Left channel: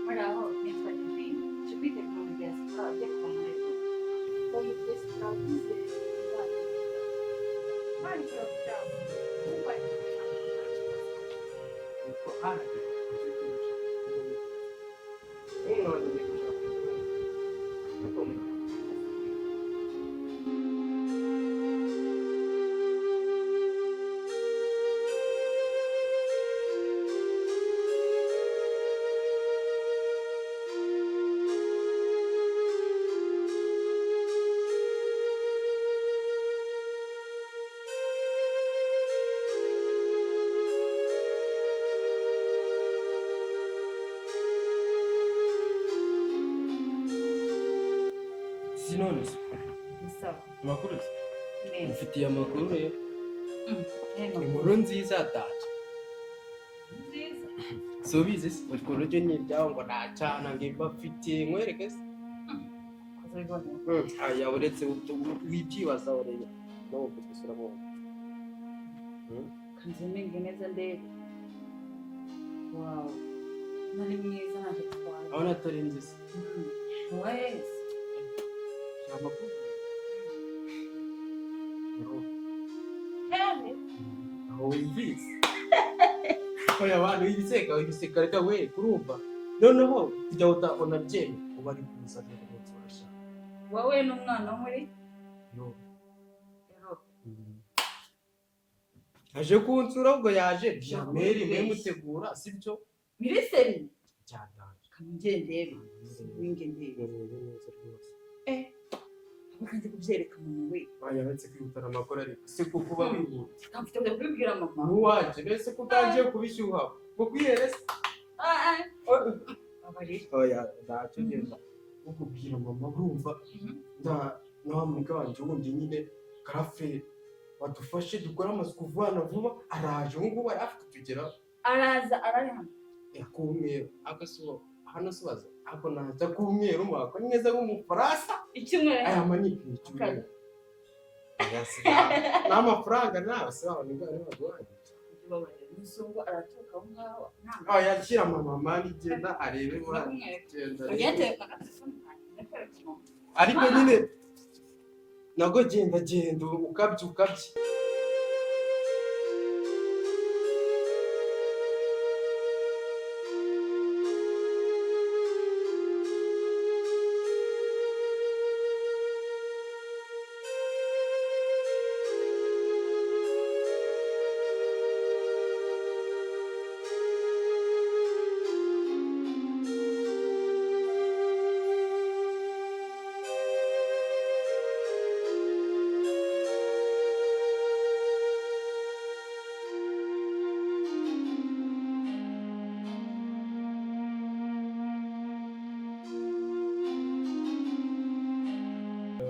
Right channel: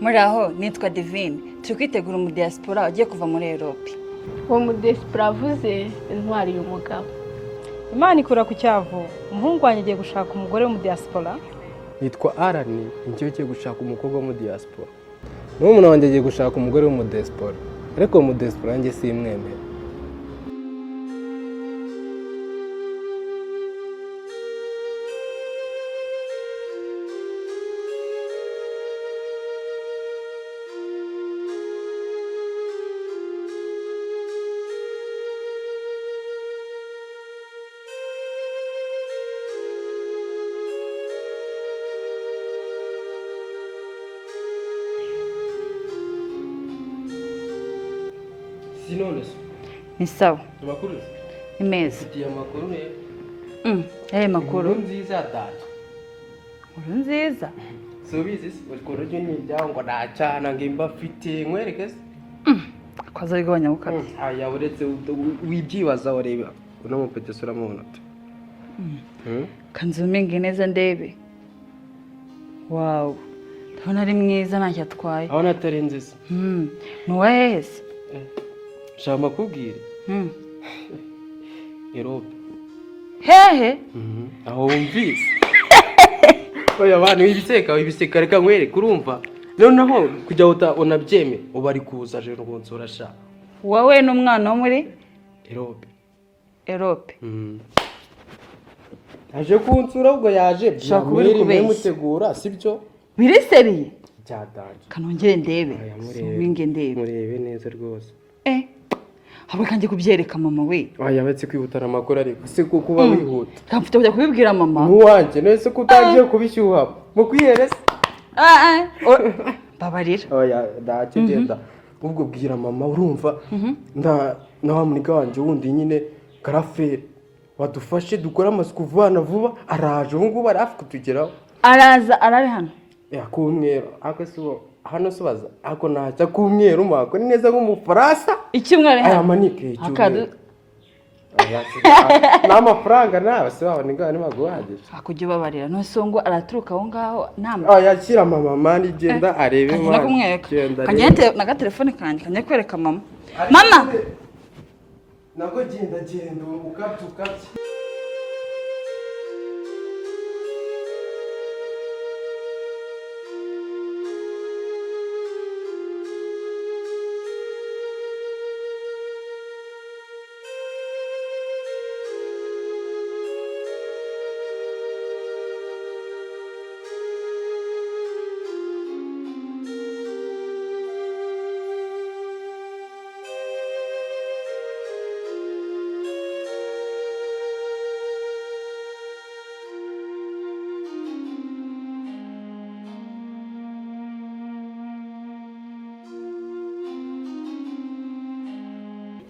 muri aho nitwa Divine turi kwitegura mu diaspora agiye kuva muri Europe. Uwo mu diaspora avuze intwari y'umugabo. Imana ikura ku cyavu. Umuhungu wanjye agiye gushaka umugore mu diaspora. Nitwa Arani, njye ugiye gushaka umukobwa mu diaspora. N'umuntu wanjye agiye gushaka umugore mu diaspora. Ariko mu diaspora njye simwemera. Ni sawa. Amakuru? Imeza. Ufitiye amakuru rero? Makuru. Inkuru nziza ataje. Inkuru nziza? Subizi ukuru ryo nyijyango nacana ngimba mfite nkwereke se? Kwaza rigabanya ukabye. Aya uretse wibyibaza ureba. Uno mupete sura mubona. Kanzuminge neza ndebe. Wow. Ndabona ari mwiza ntacyo atwaye. Abona atari nziza. Nuwahese. Shama kubwira. Europe. Hehe. Aho umvise. Oya abantu ibiseka reka nkwere kurumva. Noneho kujya unabyeme ubari kuza je n'unsura sha. Wowe n'umwana wo muri Europe. Aje kunsura ubwo yaje byamere mutegura sibyo? Biriseriye. Cyadanje. Kanongere ndebe. Suminge ndebe. Murebe neza rwose. Habe kandi kubyereka mama we. Yabatse kwihutana amakuru ariko se kuba wihuta. Kamfite kujya kubibwira mama. Nuwanje nese kutagiye kubishyuha. Mukwiherese. Babarira. Oya ndacyo genda. Ubwo bwira mama urumva na wa munika wanje wundi nyine Karaferi wadufashe dukora amasuku vuba araje ubu ngubu arafi kutugeraho. Araza arari hano. Kumwero akasubo hano subaza ako naza kumwero mako ni neza nk'umufaransa ikimwari hano manike akadu n'amafaranga nawe se wabone ngane maguhaje akujye babarira no songo araturuka aho ngaho nama yakira mama mani genda arebe mwana genda kanyete na telefone kanje kanye kwereka mama nago genda ukabyuka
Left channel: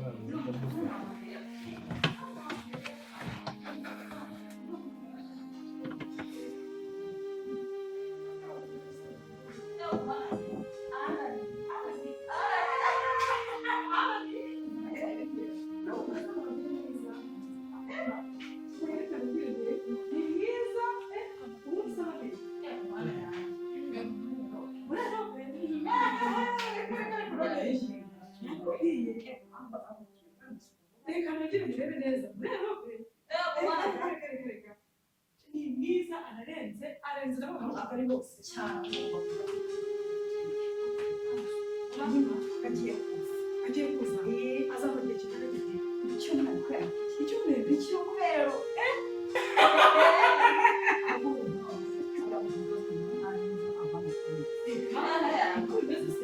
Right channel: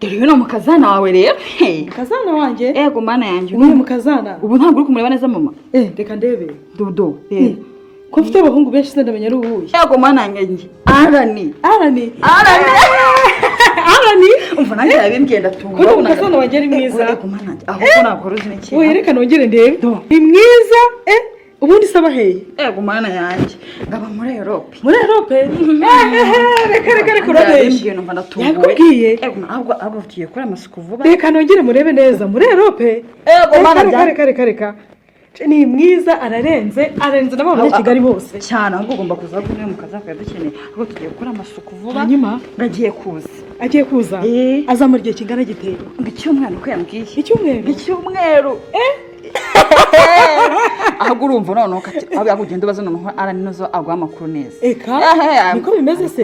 Dore no mukazana wawe rero. Kazana wanje? Ego mana yanje. Ubu mukazana. Ubu ntabwo uri kumureba neza mama. Reka ndebe. Dodo. Ko mfite abahungu benshi se ndamenya ari ubuye. Ego mana yanje. Arani. Umva nanjye yabimbwiye ndatunga. Ko mukazana wanje ari mwiza. Ego mana yanje. Aho ntabwo ruzi n'iki. Oya reka nongere ndebe. Ni mwiza. Ubundi saba heye. Ego mana yanje. Ngaba muri Europe. Muri Europe? Reka urabeshye. Yakubwiye. Ego ntabwo abafitiye kora amasuku vuba. Reka nongere murebe neza muri Europe. Ego mana reka. Ni mwiza ararenze n'abantu ba Kigali bose. Cyane ahubwo ugomba kuza kumwe mukazaka dukeneye. Ahubwo tugiye gukora amasuku vuba. Hanyuma ngagiye kuza. Agiye kuza? Aza muri gihe kingana giteye. Icyumweru ko yambwiye. Icyumweru. Ahubwo urumva noneho aho yakugenda baza noneho arani nazo agwa amakuru neza. Eka niko bimeze se.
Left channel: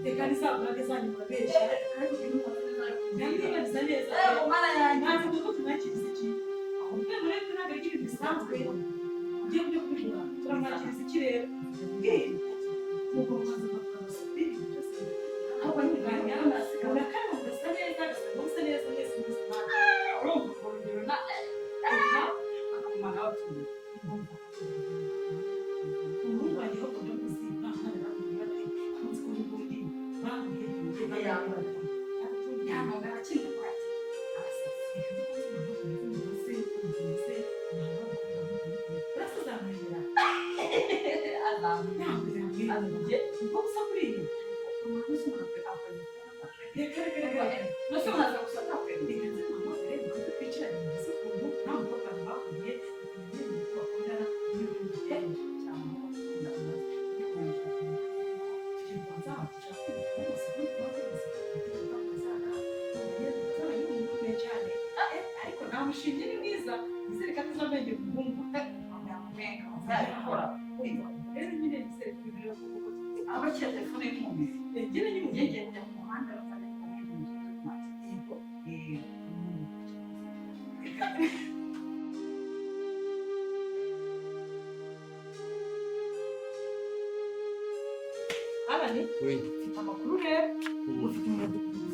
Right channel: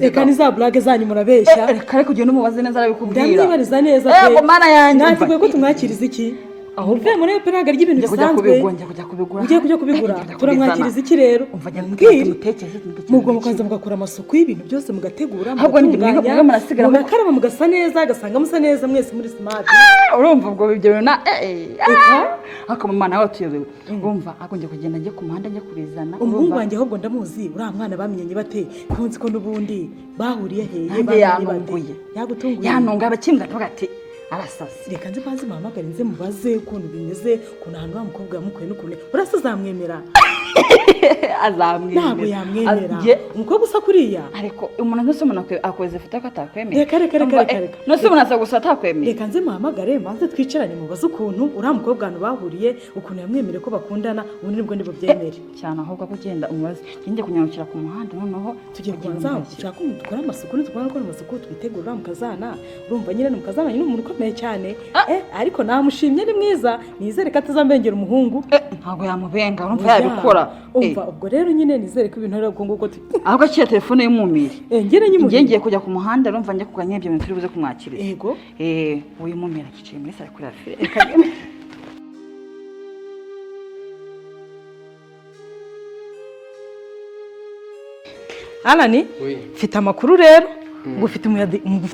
Eka ni za blague zanyu murabeshya. Reka reka ugenda umubaze neza arabikubwira. Ndamwibariza neza pe. Ego mana yanjye. Natwe ko tumwakiriza iki? Aho mve muri peraga ry'ibintu bisanzwe. Kujya kubigura. Turamwakiriza iki rero? Umva njye mutekereze. Mugomba mukaza mugakora amasuku y'ibintu byose mugategura. Ahubwo ni mwe murasigara mugakaraba mugasa neza agasanga musa neza mwese muri smart. Urumva ubwo ibyo na akamama nawe tuyobewe. Urumva akonje kugenda njye ku muhanda njye kurizana. Umuhungu wanjye ahubwo ndamuzi uriya mwana bamenyanye bate kunzi ko n'ubundi bahuriye hehe bayanguye. Yagutunguye. Yanunga abakimbwa ntugati arasasi. Reka nzi bazi mama garinze mubaze ukuntu bimeze kuntu hano mukobwa mukuye n'ukune urasa zamwemera. azamwemera ntabwo yamwemera umukobwa usa kuriya ariko umuntu ntose umuntu akoze ifoto ko atakwemera reka ntose umuntu aza gusa atakwemera reka nze muhamagare maze twicaranye mubaze ukuntu uriya mukobwa ahantu bahuriye ukuntu yamwemereye ko bakundana ubundi nibwo nibubyemere cyane ahubwo ko ugenda umubaze njye kunyarukira ku muhanda noneho tugiye kubanza dushaka umuntu dukora amasuku nitwara gukora amasuku twitegura mukazana urumva nyine mukazana ni umuntu ukomeye cyane ariko namushimye ni mwiza nizere ko atazambengera umuhungu ntabwo yamubenga urumva yabikora umva ubwo rero nyine nizere ko ibintu ari uko nguko ahubwo akira telefone y'umumiri njye ngiye kujya ku muhanda urumva njye kuganya ibyo bintu turi buze kumwakiriza yego uyu mumira akicaye muri sare kuri afire Alani mfite amakuru rero ngo ufite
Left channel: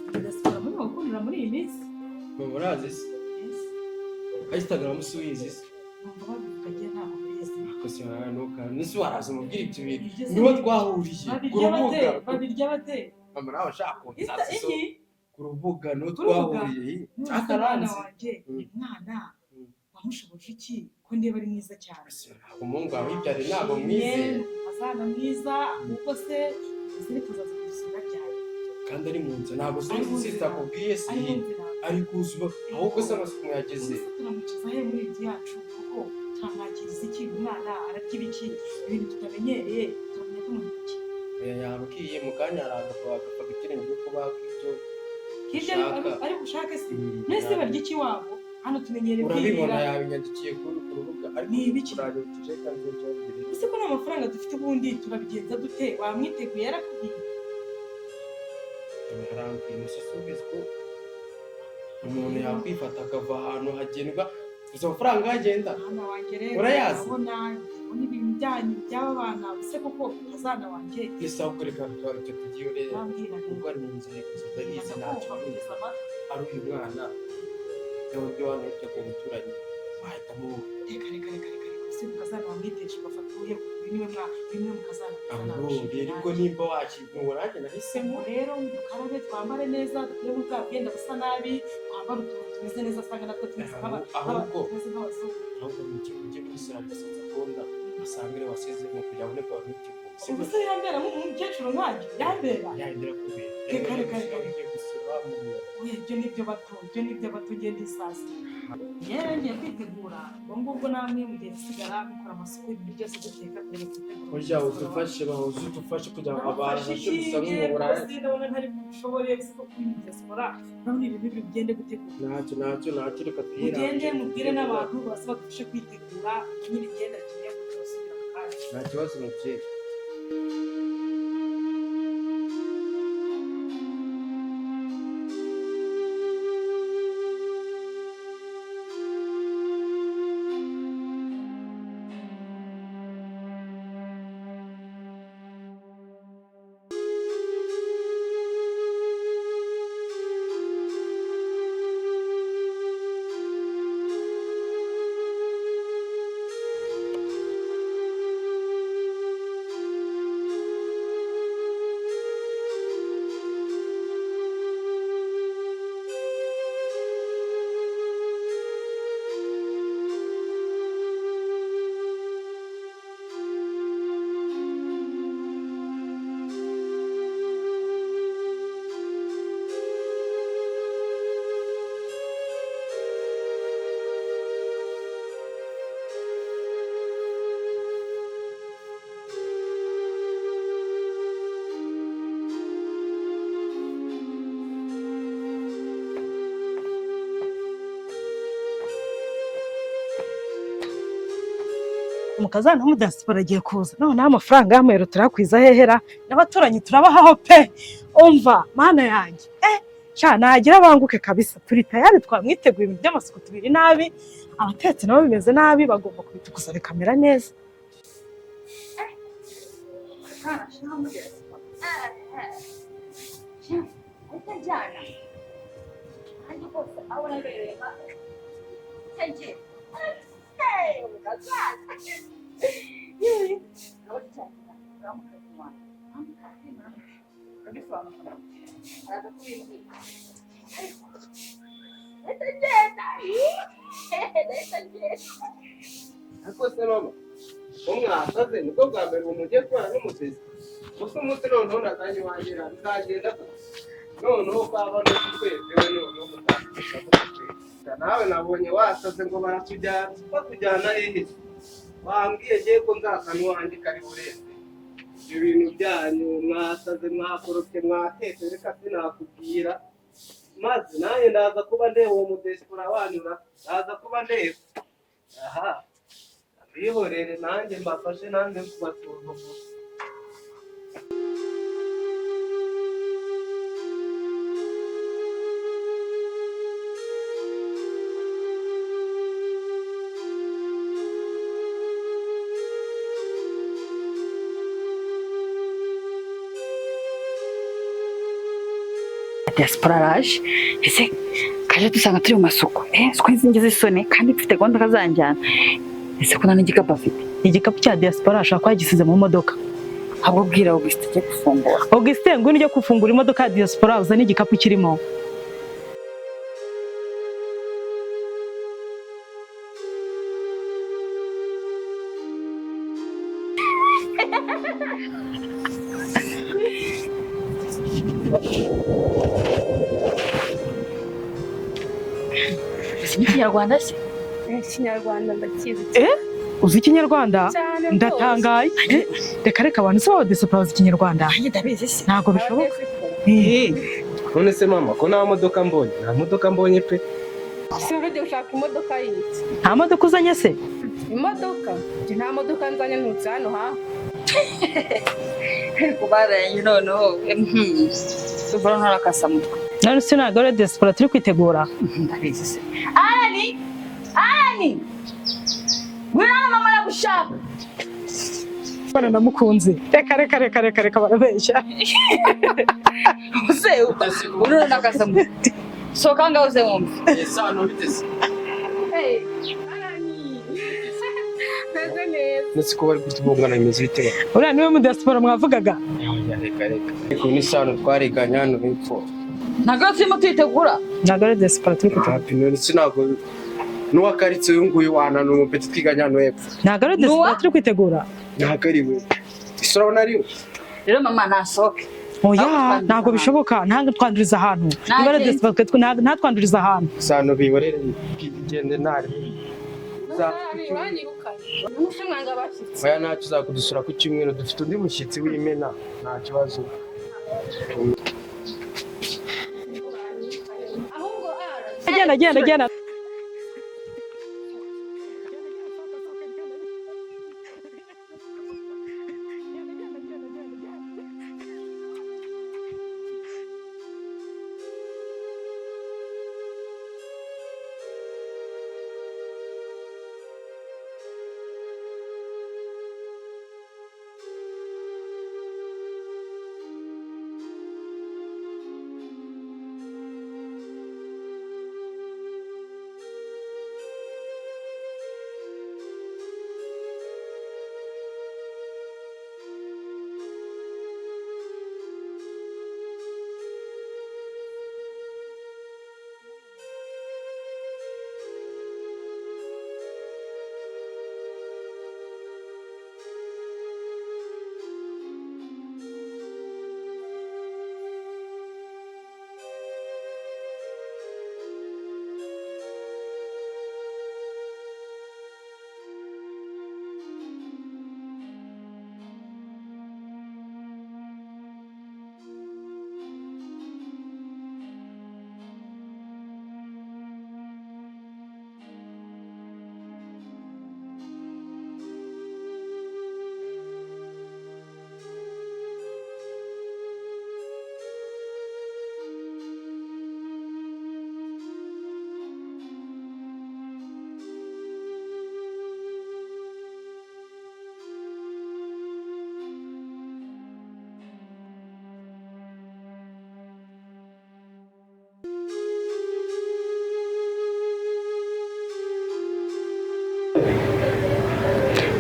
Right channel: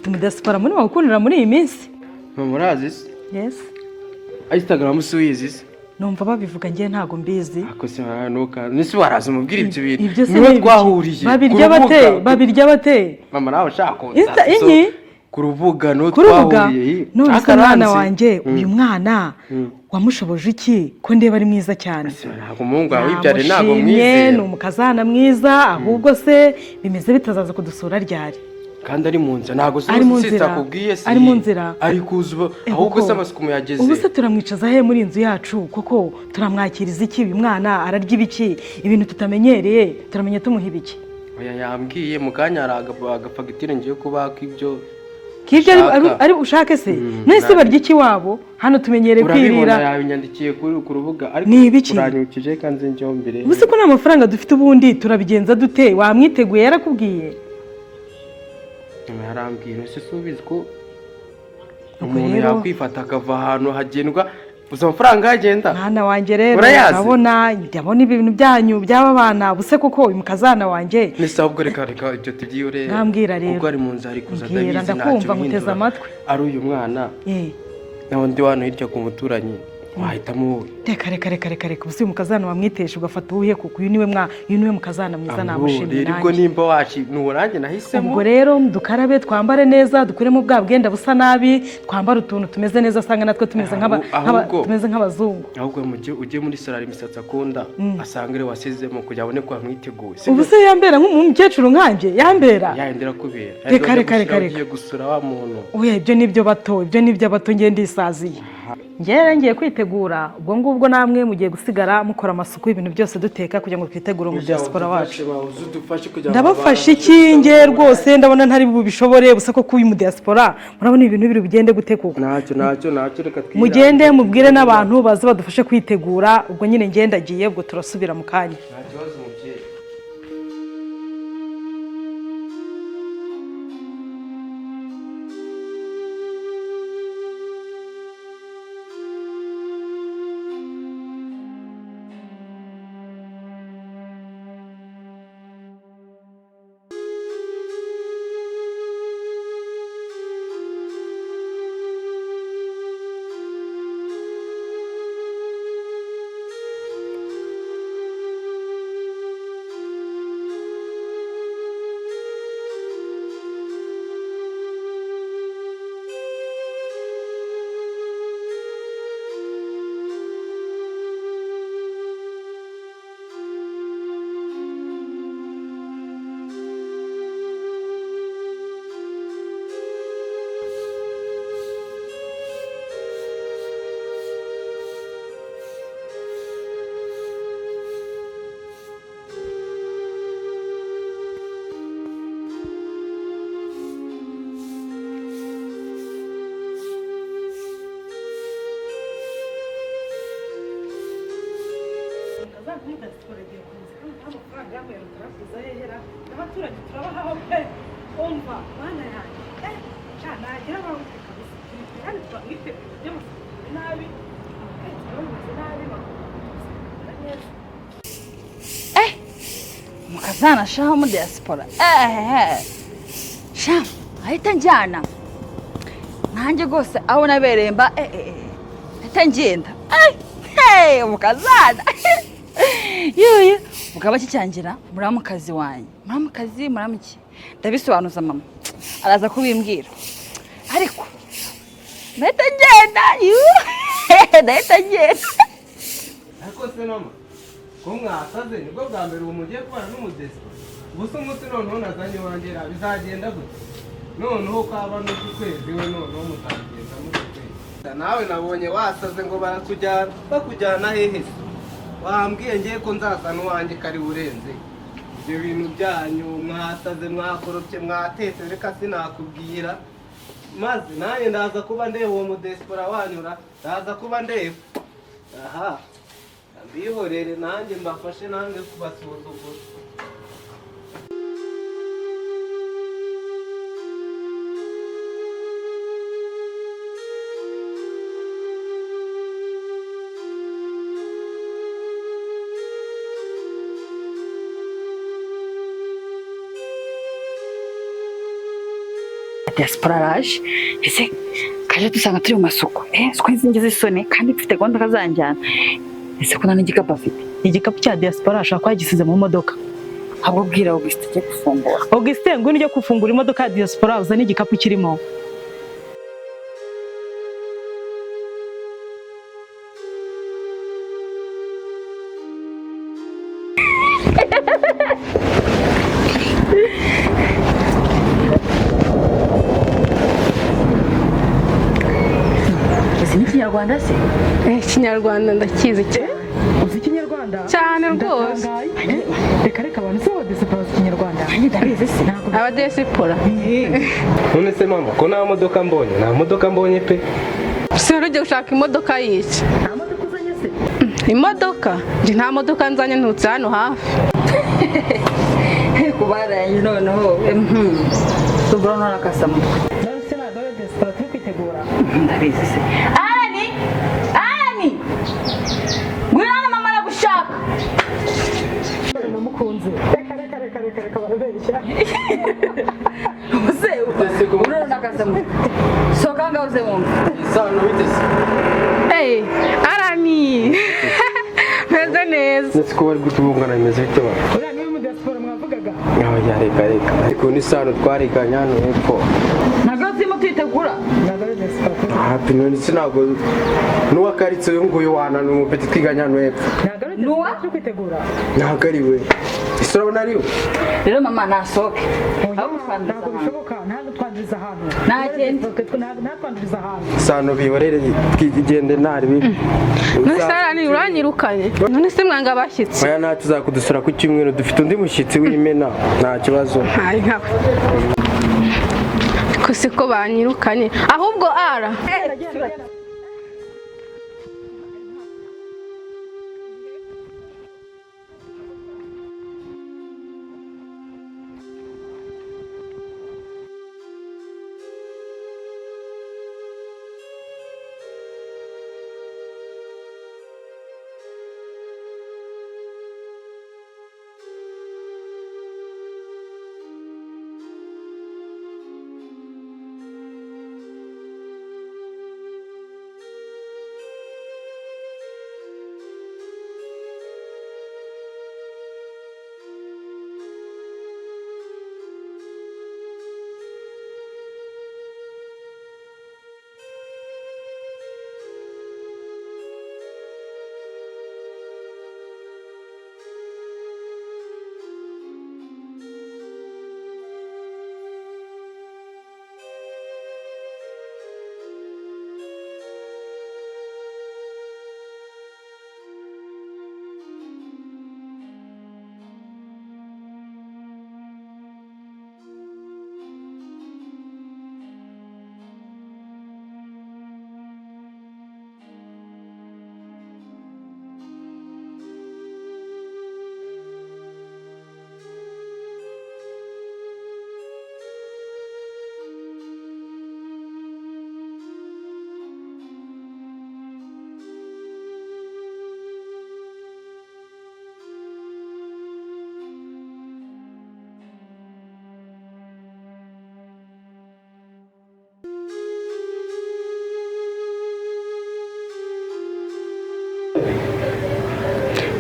umudiyasipora muri bagukundira muri iyi minsi murazi se yes Instagram suyizi se numva babivuga ngiye ntago mbizi akose haranuka nisi waraza umubwira ibyo bintu niwe twahuriye babirya bate mama nawe shaka inyi ku rubuga no twahuriye none mwana wanjye uyu mwana wamushoboje iki ko ndeba ari mwiza cyane ntabwo umuhungu wawe ibyare ntabwo mwize ni umukazana mwiza ahubwo se bimeze bitazaza kudusura ryari kandi ari mu nzira ntabwo sitakubwiye se ari mu nzira ari kuzuba ahubwo se amasuku yageze ubu se turamwicaza he muri inzu yacu koko turamwakiriza iki uyu mwana ararya ibiki ibintu tutamenyereye turamenya tumuha ibiki oya yambwiye mu kanya hari agafagitire ngiye kubaka ibyo kibyo ari ushake se nese barya iki wabo hano tumenyereye kwirira urabibona yabinyandikiye ku rubuga ariko uranyukije kandi njyewe mbere ubuse ko nta mafaranga dufite ubundi turabigenza dute wamwiteguye yarakubwiye yarambwiye ese subizi ko umuntu yakwifata akava ahantu hagendwa uzi amafaranga yagenda mwana wanjye rero urabona ibintu byanyu by'aba bana buse koko uyu mukazana wanjye nese ahubwo reka ibyo tugiye ureba ntambwira rero ubwo ari mu nzu ari kuza ndabizi ndakumva muteze amatwi ari uyu mwana naho ndi wano hirya ku muturanyi wahitamo wowe reka ubu si umukazana wamwitesha ugafata uwuhe kuko uyu niwe mukazana mwiza namushimira nanjye ubwo nimba nuwo nanjye nahisemo ubwo rero dukarabe twambare neza dukuremo bwa bwenda busa nabi twambare utuntu tumeze neza asanga natwe tumeze nk'abazungu ahubwo ujye muri salari imisatsi akunda asanga ari wasizemo kugira abone ko wamwiteguye ubu se yambera nk'umukecuru nkanjye yambera yahindira kubera reka ugiye gusura wa muntu oya ibyo nibyo bato ngiye ndisaziye ngiye kwitegura ubwo ngubwo namwe mugiye gusigara mukora amasuku y'ibintu byose duteka kugira ngo twitegure umudiyasipora wacu ndabafasha iki nge rwose ndabona ntari bubishobore busa ko kuba umudiyasipora murabona ibintu biri bugende gute koko ntacyo reka twirinde mugende mubwire n'abantu baze badufashe kwitegura ubwo nyine ngendagiye ubwo turasubira mu kanya umukazana w'umudiyasipora agiye kuza noneho amafaranga y'amayero turakwiza hehera n'abaturanyi turabahaho pe umva mana yanjye nagira abanguke kabisa turi tayari twamwiteguye ibintu by'amasuku tubiri nabi abatetsi nabo bimeze nabi bagomba kudusa bikamera neza umukazana shaho w'umudiyasipora ahita njyana nanjye rwose aho nabereye mba ahita ngenda umukazana yuyu mugabo akicyangira muramukazi wanjye muramuki ndabisobanuza mama araza kubimbwira ariko ndahita ngenda ariko se mama ko mwasaze nibwo bwa mbere ubu mugiye kubana n'umugezi gusa umunsi noneho nazanye wangira bizagenda gute noneho kwaba no kwezi we noneho mutandukira muri nawe nabonye wasaze ngo baratujyana bakujyana hehe wambwiye ngiye ko nzazana uwanjye kari burenze ibyo bintu byanyu mwasaze mwakorofye mwatetse reka sinakubwira maze nanjye ndaza kuba ndeba uwo mudesipora wanyura ndaza kuba ndeba aha mbihorere nanjye mbafashe nanjye kubasuzugura diaspora araje ese kaje dusanga turi mu masoko siko nzingize isoni kandi mfite gahunda kazanjyana ese kuna n'igikapu afite igikapu cya diaspora ashaka kwagisize mu modoka ahubwo bwira Augustin cyo gufungura Augustin ngwino ujye gufungura imodoka ya diaspora uzane igikapu kirimo Ikinyarwanda se? Ikinyarwanda ndakizi cyane. Uzi ikinyarwanda? Cyane rwose. Ndatangaye. Reka abantu se abadesipora bazi ikinyarwanda. Ndabizi se. Ntabwo bishoboka. Abadesipora. none se mama ko nta modoka mbonye pe Se urajya gushaka imodoka y'iki? Nta modoka uzanye se? Imodoka? Ndi nta modoka nzanye ntutse hano hafi. Kubaranye noneho. Tubura nkarakasamo. None se ntabwo ari diaspora turi kwitegura. Ndabizi se. Ani! Ngwino mama aragushaka. Bana namukunze. Reka barabeshya. Use urura nakasamo. Soka ngaho ze wumva. isano bitese Arani. Meze neza. nzi ko bari gutubungana bimeze bite Uriya niwe mu diaspora mwavugaga. reka ariko n'isano twariganye hano hepfo Ntabwo turimo kwitegura. Ntabwo ari diaspora turi. hapi none se ntabwo n'uwakaritse uyu nguyu wanana umupeti twiganye hano hepfo Ntabwo ari diaspora turi kwitegura. ntabwo ari we isoro nariwe Rero mama nasohoke. Oya, ntabwo bishoboka. Ntabwo twanduriza ahantu. Niba ari diaspora ntatwanduriza ahantu. isano biborere twigende ntari bibi None se Arani uranyirukanye. None se mwanga bashyitsi. oya ntacyo uzakudusura ku cyumweru dufite undi mushyitsi w'imena nta kibazo Hari nkawe. Ko siko banyirukanye. Ahubwo ara. Genda.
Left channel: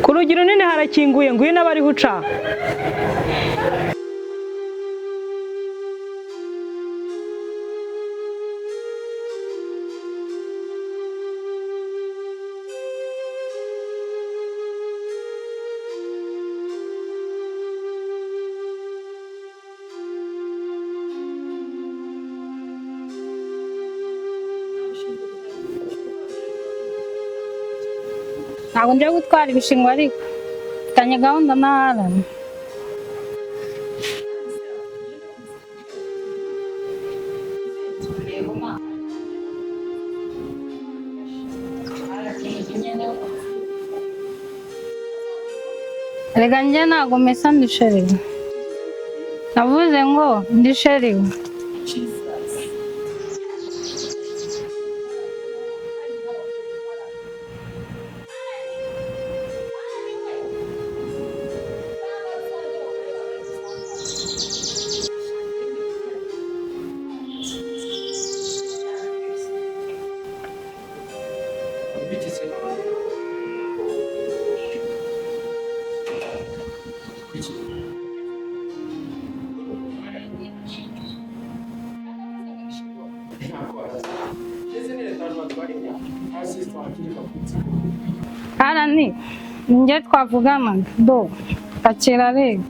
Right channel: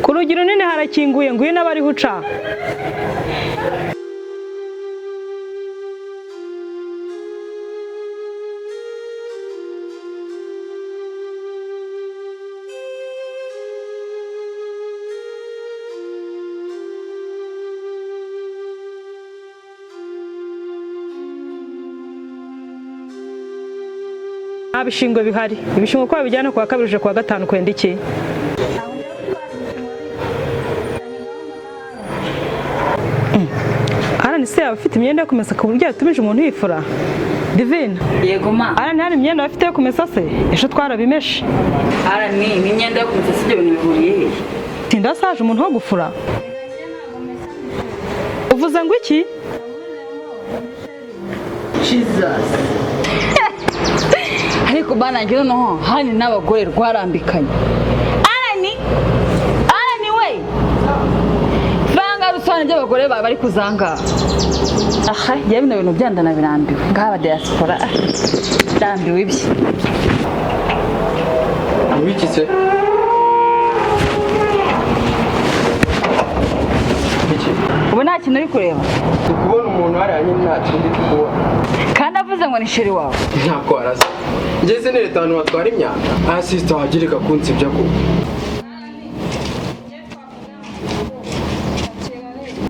Ku rugi runini harakinguye ngwino abariho uca. nta bishingwe bihari. Ibishingwe ko babijyana kuwa kabiri uje kuwa gatanu kwenda iki? Ntabwo ngiye gutwara ibishingwe ariko mfitanye gahunda na Arani se abafite imyenda yo kumesa ku buryo yatumije umuntu yifura? Divine. Yego ma. Arani hari imyenda bafite yo kumesa se? Ejo twarabimeshe. Arani ni imyenda yo kumesa sibyo bintu bihuriye he? Tinda saje umuntu wo gufura. Rega njye ntabwo mesa ndi sheri. Uvuze ngo iki? Navuze ngo ndi sheri. Jesus. Ariko bana ngira no hani n'abagore rwarambikanye. Arani we. Vanga rusana by'abagore bari kuzanga. Aha, yewe na bintu byandana birambiwe. Ngaba diaspora. Ndambiwe ibye. Wikise? Ubu nta kintu uri kureba. Kubona umuntu hariya nyine nta kindi kubona. Kandi avuze ngo ni sheri wawe. Ntabwo arasa. Ngeze nereta abantu batwara imyaka. Aha sister wagirika kunsibya ko. Arani njye twavugana do akira rega